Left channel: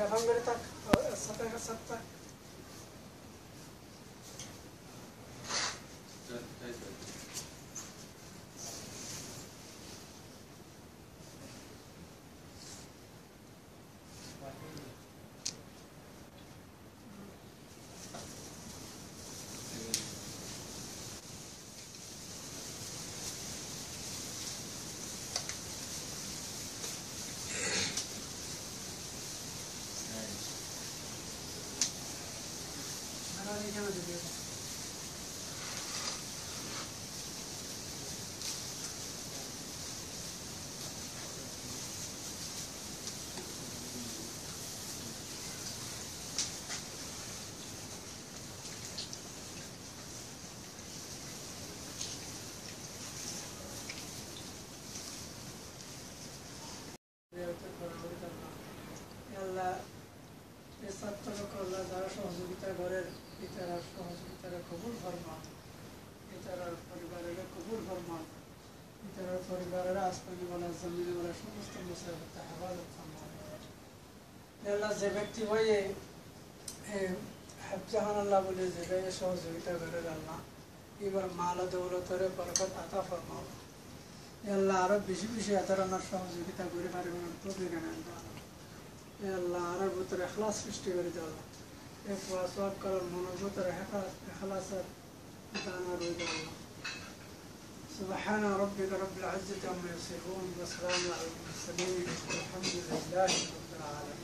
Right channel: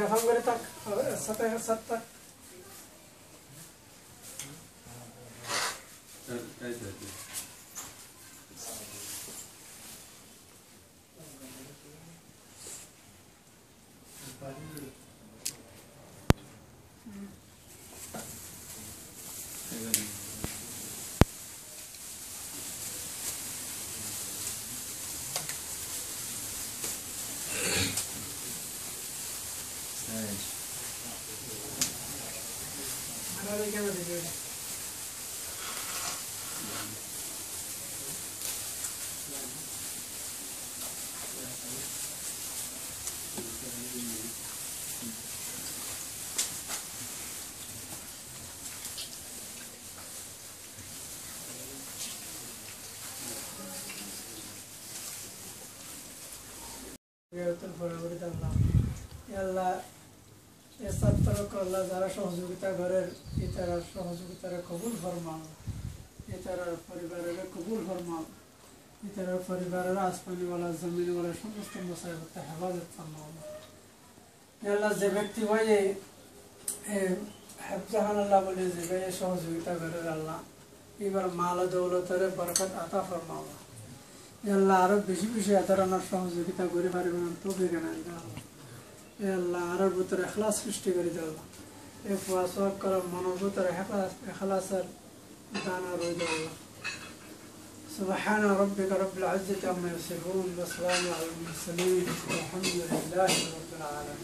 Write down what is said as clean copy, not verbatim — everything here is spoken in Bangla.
دفعم করে তাক সাথে আল্লাহ এই ছাত্রকে আল্লাহ যারা সহযোগিতা করেন তারা সহযোগিতারা কবুল ফরমান, তারা পরিবারের কবুল ফরমান, তারা পরিবারের আসমানিওয়ালা জমিনওয়ালা সমস্ত মুসাইবতে হেফাজত ফরমান। আল্লাহ যে ব্যক্তি ভাইয়ে হেফজাহান আল্লাহ বলে যে ভাই সহযোগিতা করেন আল্লাহ এবার মাল দৌলতের বরকত আতা ফরমাও। আল্লাহ আরো বেশি বেশি আদরানোর সহযোগিতা করে পারিবেন তো বেগান আল্লাহ আরো ভিতরে এখলাস সৃষ্টি করে দেওয়া এক ওয়াসব করার মনের ভিতরে এখলাসের দানা রয়ে দেওয়া। سبحان ربك رب العزة عما يصفون وسلام على المرسلين والحمد لله رب العالمين.